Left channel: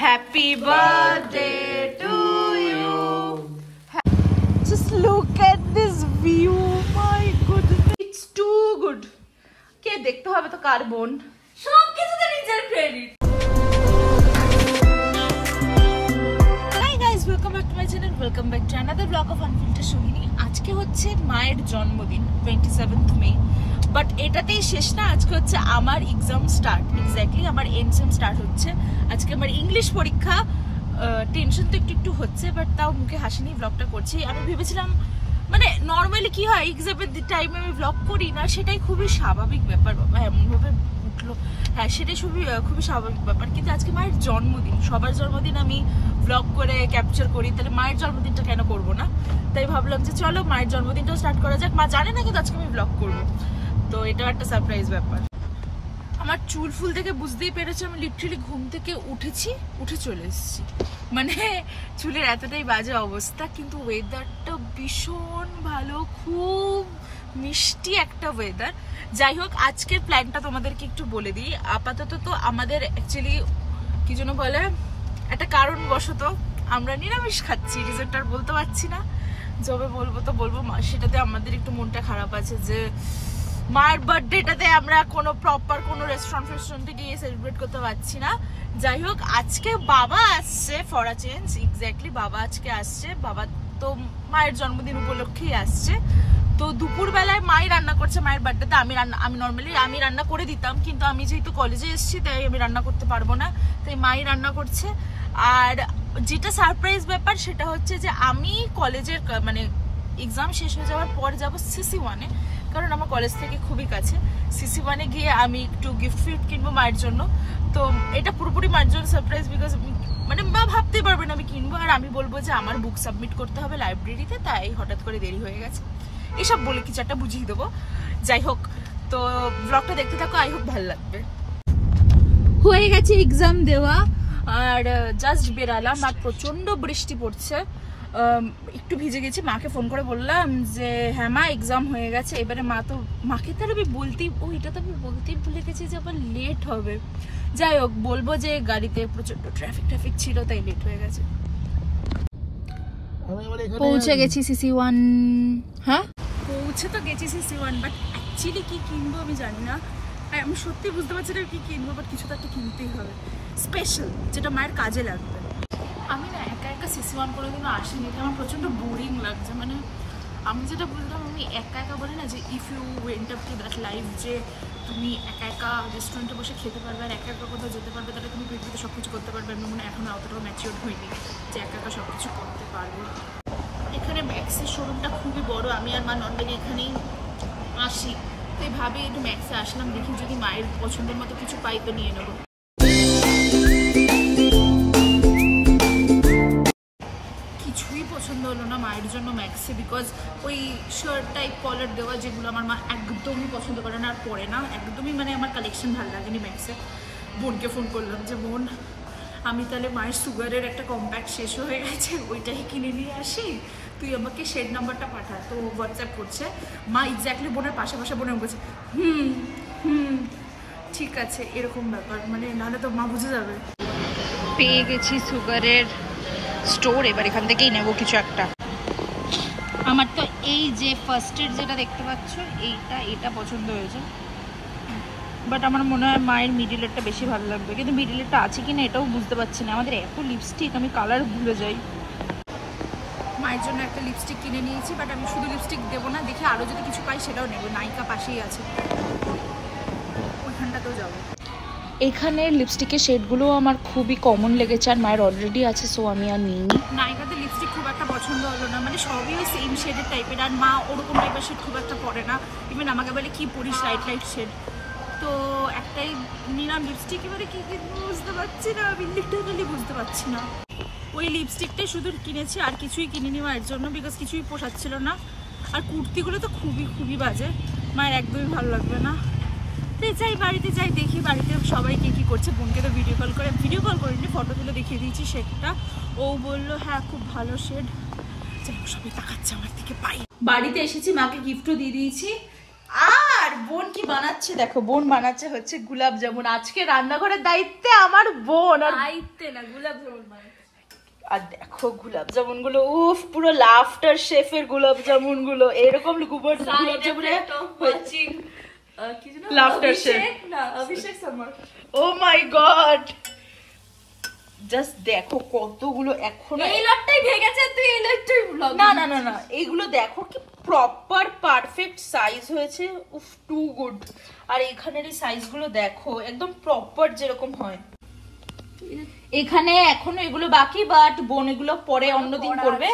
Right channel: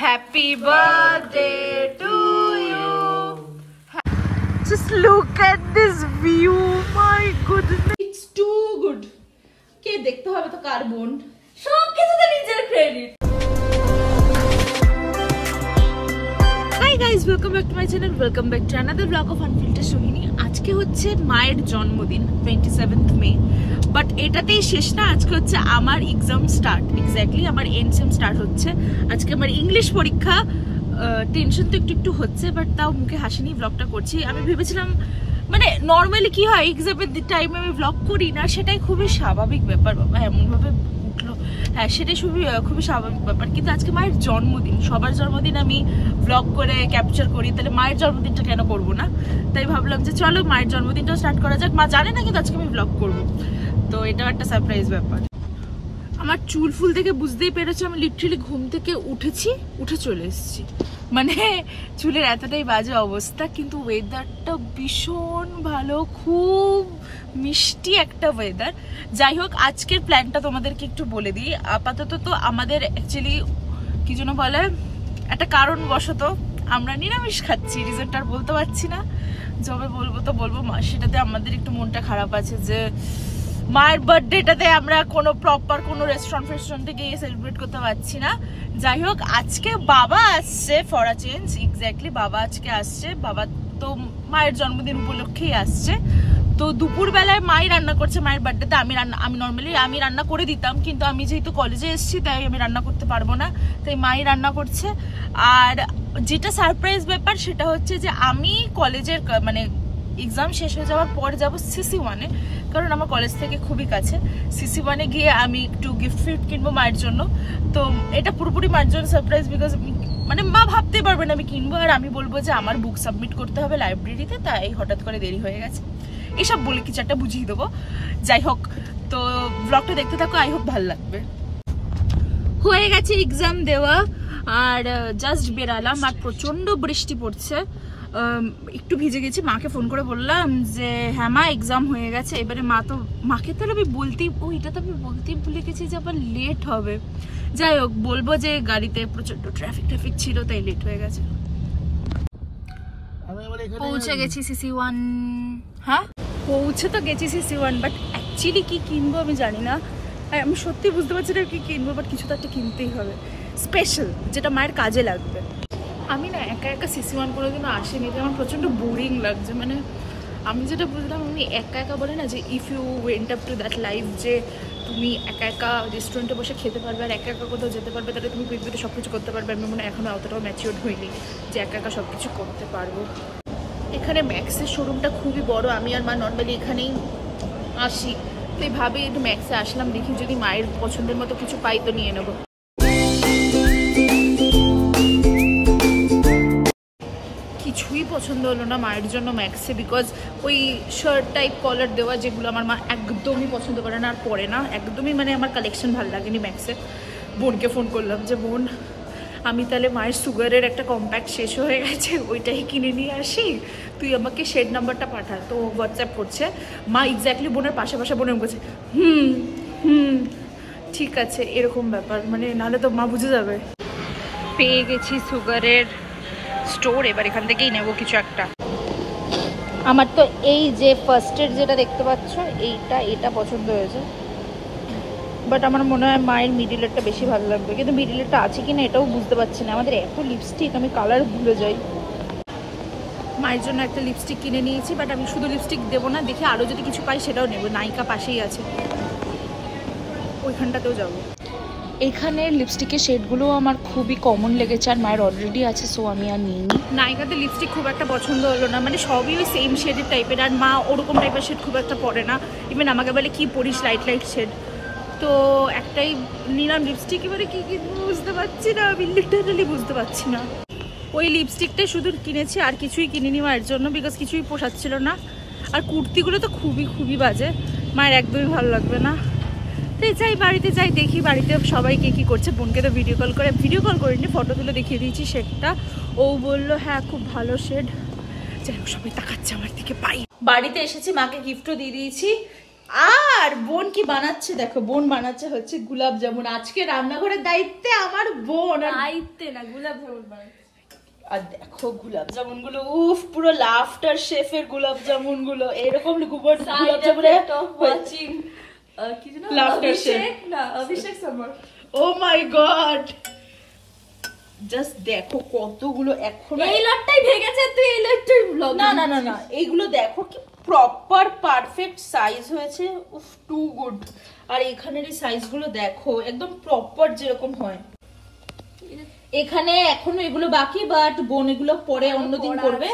Happy birthday to you. Just look at this view. My goodness. It's too good. কে দেখতে হবে তো কার বোন সব কিছু তো নিজের credit. Hi guys, welcome back to my channel. Welcome back to another vlog of Unfiltered Sohini. আজকে হচ্ছে মায়ের জন্মদিন 27th May. বাট এটাতেই শেষ না, আজকে হচ্ছে আমার এক্সাম স্টার্ট। এক্স্যাক্টলি আমার এনসেম স্টার্ট হচ্ছে আজকে। আমার ইংলিশ পরীক্ষা, টেনশন তো একটু হচ্ছে, বাট তাও মুখে হাসি নিয়ে ব্লগটা করছি। আমি ভেবেছিলাম মানে নর্মালি কি হয় এক্সামের টাইমে আমি ব্লগ করি না, সেটাই খুবই স্বাভাবিক ব্যাপার। বাবা এমনভাবে উঠলো, হ্যাঁ সেটাই খুবই স্বাভাবিক ব্যাপার। কিন্তু আজকে মায়ের জন্মদিন, সবার জন্মদিন আমি ব্লগ করে ক্যাপচার করি, তাহলে মায়ের জন্মদিনটা কেন করবো না? তাই ভাবলাম যে চলো মায়ের জন্মদিনটাও স্টার্ট করা যাক। মা জানে না কিন্তু আজকে আমি ব্লগ করবো, তো এটাও একটা সারপ্রাইজ ব্যাপার। আমার চুল ফুল দেখে বুঝতেই পেরেছি আমি লিটারালি ঘুম থেকে উঠে চলে এসেছি। মানে চুলের এতটাই বাজে অবস্থা, কিন্তু ওয়েদারটা ভীষণ ভালো, খুব মিষ্টি একটা ওয়েদার। যাই হোক, আজকের প্ল্যানটা তোমাদেরকে একটু বলে দিই। আপাতত তো আমাদের অ্যাকচুয়ালি কি যেন বলে, একটা কারণবশত আমরা নিরামিষ খাচ্ছি। রিজনটা আর বলতে পারছি না, যবে বলবো তো বলবো। সেটাতে আমাদের একটু মনটা খারাপ আছে যে মায়ের বার্থডেটাতে আমরা কোনো প্রপার কোনো রেস্টুরেন্টে গিয়ে সেলিব্রেট করতে পারছি না। যাই হোক, আজকে বাবা আসছে ফর আ চেঞ্জ। এক্স্যাক্টলি বাবা আজকে আসছে। বাবা তো মায়ের জন্মদিন উপলক্ষেই আসছে। তো দুপুর বেলায় মাই রান্না করছে মায়ের বার্থডেতে। আমি নর্মালি রান্না করে দিতাম, কিন্তু আমি যেহেতু কলেজে এসেছি তাই আমি রান্না করতে পারবো না, তাই মাই রান্না করছে। আর যেটা সারপ্রাইজ ব্যাপার সেটা হচ্ছে যে আমি কলেজের মানে এক্সাম শেষ হয়ে যাওয়ার পর যাবো CC1-এ, কারণ আমার কলেজ থেকে খুবই কাছে। CC1-এ গিয়ে আমি একটু গিফট কিনবো মায়ের জন্য। তো এটা পুরোপুরি মায়ের জন্য সারপ্রাইজ, বিকজ মানে মা ভাবতে পারবে না আমি কিনবো, আর আমি বলবো যে আমার বুক সাবমিট করতে হবে লাইব্রেরিতে, তাই হঠাৎ করে দেরি হয়ে গেছে। এসব বলে কিছু একটা বুঝিয়ে দেবো। যাই হোক, তো ব্লগটা দেখতে থাকো, আই হোপ ভালো লাগবে। হয়ে গেছে এক্সাম দেওয়া, আর জাস্ট বেরালাম, আর প্রচন্ড বৃষ্টি পড়ছে। একটু ভিজে গেছি। মাকে ফোন করে বললাম যে হ্যাঁ মা এক্সাম হয়ে গেছে। এবারে মাকে তো আমি এটা তো আমি বলতেই ভুলে গেছি যে আবার লেট হবে। যাই হোক, বলবো যে গাড়িতে প্রচন্ড ট্রাফিক ছিল, তাই লেট হয়ে গেছে। পৌঁছে গেছি CC1। হ্যাঁ পৌঁছে তো গেছি CC1, বাট অ্যাকচুয়ালি কি কিনবো আমি জানি না। আমি সত্যি বুঝতে পারছি না কি কিনবো, বাট কিছু তো একটা কিনতেই হবে স্পেশাল, যেটা মায়ের কাজে লাগবে। আমি না একা CC1 কোনোদিনও আসিনি, আমার প্রচন্ড বোরিং লাগছে। মানে আমি যেটা বুঝলাম, আমি একা বলে না যে if you went up to that life, যে তুমি একা রেস্টুরেন্টে বসে খেতে পারবে আর একা কোথাও যেতে পারবে, তাহলে তুমি পৃথিবীতে সব কিছু করতে পারবে। আমি মনে হয় এখনো অতটাও ম্যাচিওর হইনি যে একা সব কিছু করতে পারবো। এখানে ম্যাক্সের শোরুমটা খুবই বড়, আমি আর মা নর্মালি এখানেই আসি, তো ভাবে একটু ম্যাক্সে আসলাম, দেখি যদি মায়ের পছন্দের মতো কিছু পাই তো নিয়ে নেবো। কিছুই পছন্দ হলো না মায়ের জন্য ম্যাক্সে, বিকজ ওই শার্ট টাইপ কলার দেওয়া যেগুলো আমার মা একদমই পছন্দ করে না আর পরে না একদমই। মানে আমার কালেকশন ভালো লাগেনি ম্যাক্সে। বোনকে ফোন করলাম যে বোন, আমি তাহলে মায়ের সুগারের একটা কম্প্যাক্ট শেষ হয়ে গেছে, ওইটাই কিনে নিয়ে আসি, তুই আমাকে শেড নাম্বারটা পাঠা। তো হোয়াটসঅ্যাপ করছে। মা এক্স্যাক্টলি বোনের পাশে বোনের বলছে ঠিক আছে, এরকম ব্যাপার। মানে নাহলে তো মা বুঝে যাবে। পেয়ে গেছি সুগারের স্টোর, এবার এখান থেকেই নেবো কিছু একটা। আমার তো এই যে ফার্স্টের যেটা দেখতে পাচ্ছ এইটা পছন্দ হয়েছে, বাট আমার মনে হয় মায়ের মিডিলেরটা বেশি ভালো লাগবে, কিন্তু মিডিলেরটা আছে কিনা এটাও বুঝতে পারছি না। আমাদের এত লিপস্টিক, আমি কালার ভুলে যাই। মায়ের জন্য একটা লিপস্টিক কিনে নিয়েছি, বাট আমি শুধু লিপস্টিক দেবো না, দেখে আরও যদি কিছু পাই সেটাও নেবো। নায়িকা পাশেই আছে, ওইখানটাতেও যাবো। এখানের লিপস্টিকের শেডগুলো আমার খুবই কমন লেগেছে, আর মায়ের অলরেডি আছে, সো আমি আর নিইনি। নায়িকাদের লিপস্টিক খুব একটা পছন্দ হলো না, মানে সবই ওই সেম শেডের টাইপের, আর মা ওরকম টাইপের শেড খুব একটা পরে না। ইভেন আমাকে বলে কি পরিস লাইট শেড, তো একটাই নিলাম লিপস্টিক। এবারে কি বুঝতে পারছি না, আমি লিটারালি বুঝতে পারছি না। ওই লিপস্টিকটাই শুধু কিনেছি, আর কিছুই কিনিনি মায়ের জন্য, বিকজ কিছুই পোষাচ্ছিল না। আর কুর্তিগুলো তো খুবই বাজে, মায়ের একদমই ভালো লাগবে না। যাই বাড়িতে যাই, দেখি বাড়িতে সবাই কি করছে। বোনকে তো ভিডিও কল করিনি, ফটো তুলে দেখিয়ে দিয়েছি শেডটা। ও বললো হ্যাঁ খুব ভালো শেড। যাই হোক, সবাই তাকাচ্ছে আমার দিকে। বাড়িতে এসেছি, মাকে গিফটও দিয়ে দিয়েছি। আর বোন কি বানাচ্ছে দেখো, বোন বানাচ্ছে হচ্ছে গোলাপ জামুন। আজকে রান্নাঘরের দায়িত্বে আমার বোন, আর দায়িত্বে না, গোলাপ জামুন বানাচ্ছে। আর দেখো গোলাপ জামুন গুলো, উফ পুরো লাফটার শেফের গোলাপ জামুন গুলো, এরকম গোলাপ জামুনের কি জানো, লাফটার শেফ না অভিষেক শর্মা। ও মাই গড, জাস্ট দেখো কতগুলো এখনো। এই লটটাই ভেঙেছে, তুই এই লটটাই ব্লগ। না না না না, এইগুলো দেখো কি প্রপার পারফেক্ট সাইজ হয়েছে, উফ টু গুড। আর এখানের সাইজ গুলো দেখো একদম প্রপার যেরকম হয়। এখানে এখনো এগুলো বাকি, বাট বোন এগুলো পরে অন্যদিন করবে,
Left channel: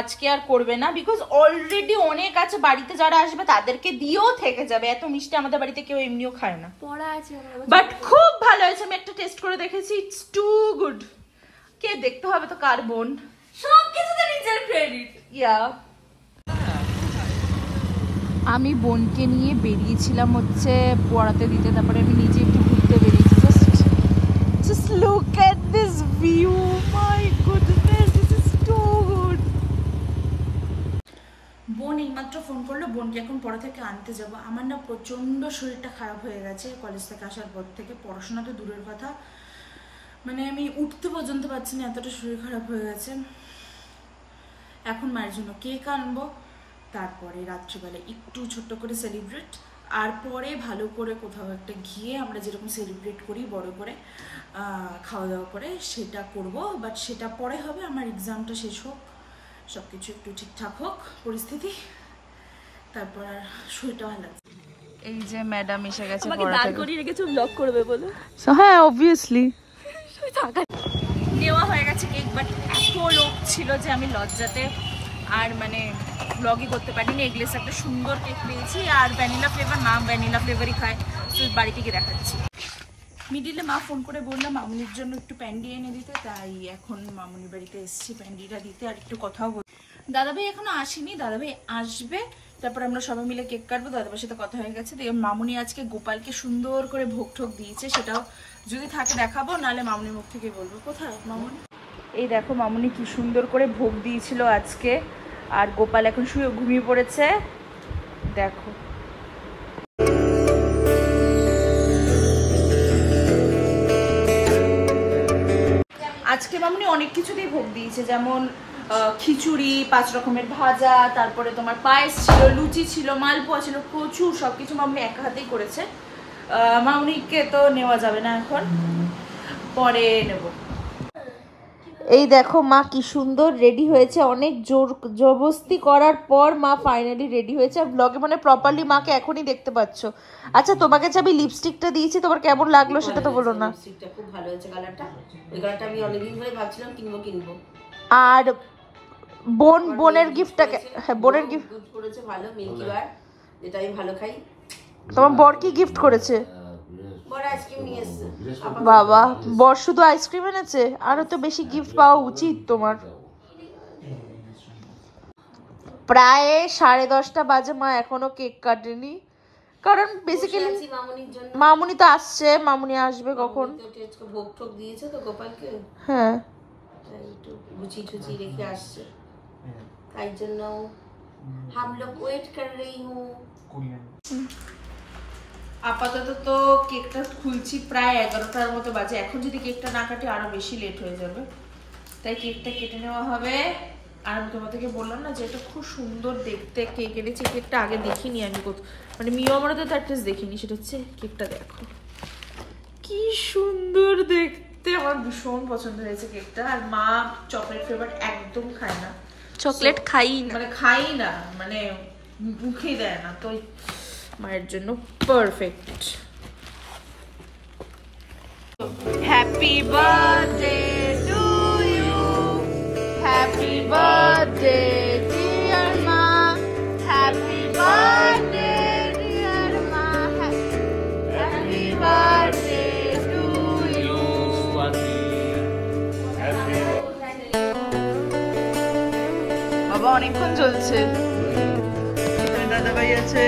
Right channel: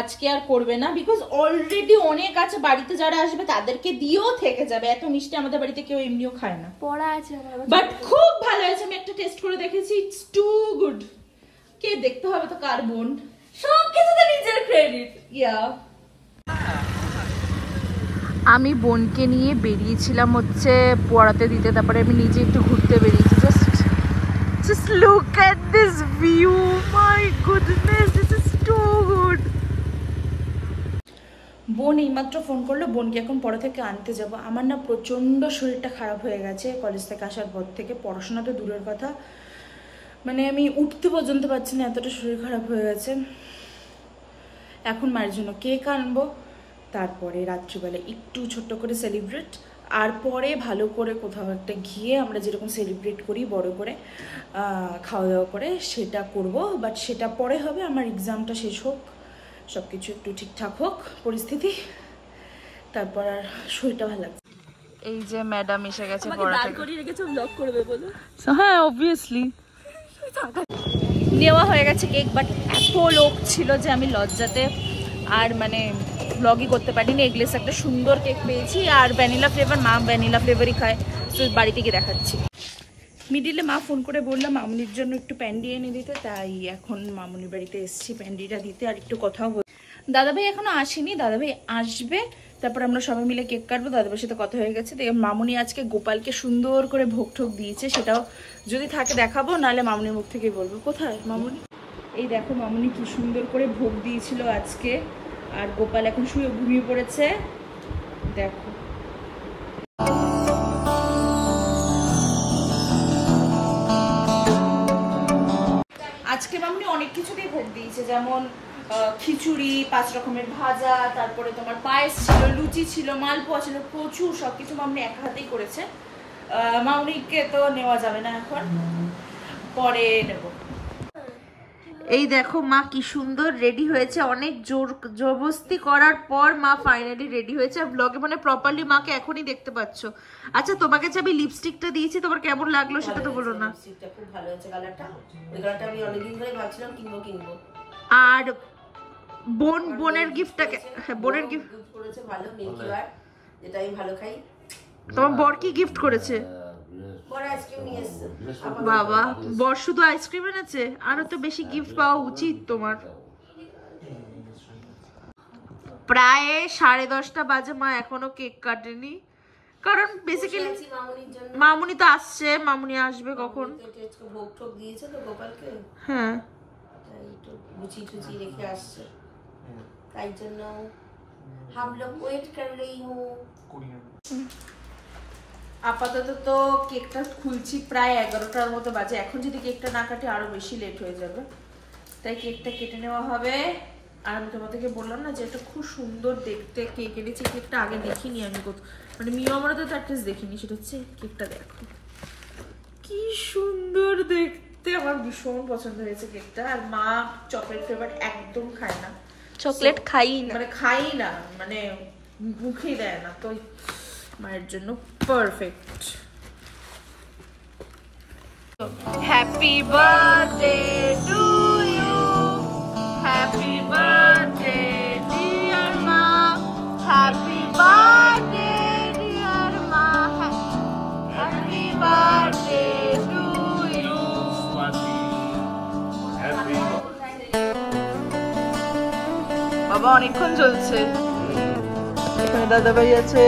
আজকে আর করবে না, বিকজ অলরেডি অনেক আছে বাড়িতে, যারা আসবে তাদেরকে দিয়েও থেকে যাবে। এত মিষ্টি আমাদের বাড়িতে কেউ এমনিও খায় না, পড়া আছে বাট খুব ভালো হয়েছে। আমি একটা টেস্ট করে দেখেছি, ইটস টু গুড। কে দেখতে হবে তো কার বোন, সবকিছুতে নিজের ক্রেডিট। ইয়া। আমি বোনকে নিয়ে বেরিয়েছিলাম হচ্ছে পড়াতে দিতে, তারপরে আমি নিজে একটু ঘুরতে বেরিয়েছি। Just look at this view, my goodness, this is too good. বোন এইমাত্র ফোন করলো, বোনকে এখন পড়া থেকে আনতে যাব। আমার না প্রচন্ড শরীরটা খারাপ হয়ে গেছে কলেজ থেকে আসার পর থেকে, পড়াশোনা তো দূরের কথা, মানে আমি উঠতে পর্যন্ত পারছি না, এতটা শরীর খারাপ হয়ে গেছে। এখন মায়ের জন্য কেক আনবো, তারপরে রাত্রিবেলা একটু ছোট্ট করে সেলিব্রেট, আর পরে ভালো করে কোথাও একটা গিয়ে আমরা যেরকম সেলিব্রেট করি বড় করে খাওয়া দাওয়া করে সেটা করব। বাট সেটা পরে হবে, আমার এক্সামটা শেষ হোক, সবকিছু একটু ঠিকঠাক হোক পরিস্থিতি, তারপর আর শরীরটা ভালো লাগছে। এই যে ম্যাডাম এসে গেছে, দাঁড় করিয়ে রেখেছো ব্লগ করবে বলে। হ্যাঁ অবভিয়াসলি নেওয়া হয়ে গেছে কেক, বাট এত লোক ছিল যে আমি লজ্জাতে আর মানে ব্লগই করতে পারিনি। এগলেস একটা সুন্দর কেক পেয়েছি, আর ভ্যানিলা ফ্লেভার, মা ভ্যানিলা ফ্লেভারই খায়, তো বাড়িতে গিয়ে দেখাচ্ছি। মিডিলে মা ফোন করে বললাম মামুনির জন্য একটু প্যান্ডি এনে দিতে, তাই এখন মামুনির বাড়িতে এসেছি প্যান্ডিটা দিতে, আর একটু কথাও বল। দাদাভাই এখনো আসেনি, দাদাভাই আসবে, তারপর আমরা সবাই মিলে কেক কাটবো। দাদাভাইয়ের সাথে কথা হয়ে গেছে। মামুনি আজকে গোপালকে সুন্দর করে ভোগ ঠোক দিয়েছে, সেটাও যদি থাকে দেখাবো, নাহলে মামুনির মুখ থেকেই বলবো। কোথায় মামুনি? এই দেখো মামুনি কি সুন্দর করে ভোগ দিয়েছিল আজকে, আর গোপাল এখন শুয়ে ঘুমিয়ে পড়েছে, দেখো। আজকে মামুনি অনেক কিছুতেই ভোগ দিয়েছে, যেমন খিচুড়ি, 5 রকমের ভাজা, তারপরে তোমার পায়েস ছিল, লুচি ছিল, মালপোয়া ছিল, প্রচুর সবকিছু মামুনি একা হাতেই করেছে। মামুনিকে তো নেওয়া যাবে না, এখন পরে নেব। এই দেখো মা কি সুন্দর রেডি হয়েছে, অনেক জবরদস্তি করার পর মা ফাইনালি রেডি হয়েছে। আর ব্লগে মানে প্রপারলি মাকে এখনই দেখতে পাচ্ছ। আচ্ছা তোমাকে যে আমি লিপস্টিকটা দিয়েছি, তোমার কেমন লাগলো সেটা তো বলো না। লিপস্টিকটা খুব ভালো হয়েছে, কালারটা, ওই কালারটা আমি অনেকদিন ধরে ভাবছিলাম কিনবো। আর বোনের গিফটটাকে, হ্যাঁ বোনের গিফট করেছে ভালো, মিল্কি বার, যেটা আমি ভালো খাই। তোমার বর কি গিফট করেছে? বড় আইসক্রিম নিয়ে এসেছে। বাবা, বর শুধু আইসক্রিম এনেছে? আরো তো বেশি গিফট পাওয়া উচিত তোমার। প্রায় 10:30 বাজে, মা এখনো কেক কাটেনি, কারণ বেসিক্যালি মামুনি তো আসছে, মামুনি আসবে কখন। ভোগ ঠোক দিয়েছে তো গোপালকে, হ্যাঁ একটু গুছিয়ে টুচিয়ে রেখে আসছে, তাই জন্য हम लोग वेट कर रही हूँ। আপাতত তো কেকটা খুলছি, প্রায় 11টার মতো বাজে। এখন যদি কেকটা না কাটি আরো বেশি লেট হয়ে যাবে, তাই কেকটা কেটে নেওয়া হবে। আর আমি তোমাদেরকে বললাম না যে এটা খুব সুন্দর দেখতে কেক এনেছি, কেকটা আগে দেখিনি আমি, মানে মিও আমারতে তার টেস্ট দেখিনি। সেটা হচ্ছে কেকটা দেখো কি সুন্দর দেখতে, আমার ভীষণ পছন্দ হয়েছে কেকটা। আর মা চকলেট ফ্লেভার একদম খায় না, চকলেট খাই না, মানে খাই না, মানে মুখেই দেয় না, তো মায়ের জন্য perfect. Happy birthday to you, happy birthday dear মা, হ্যাপি বার্থডে ডিয়ার মা, হ্যাপি বার্থডে টু ইউ। বাবা অনেকক্ষণ চলছে, এখানে দাদা ভাই আছে।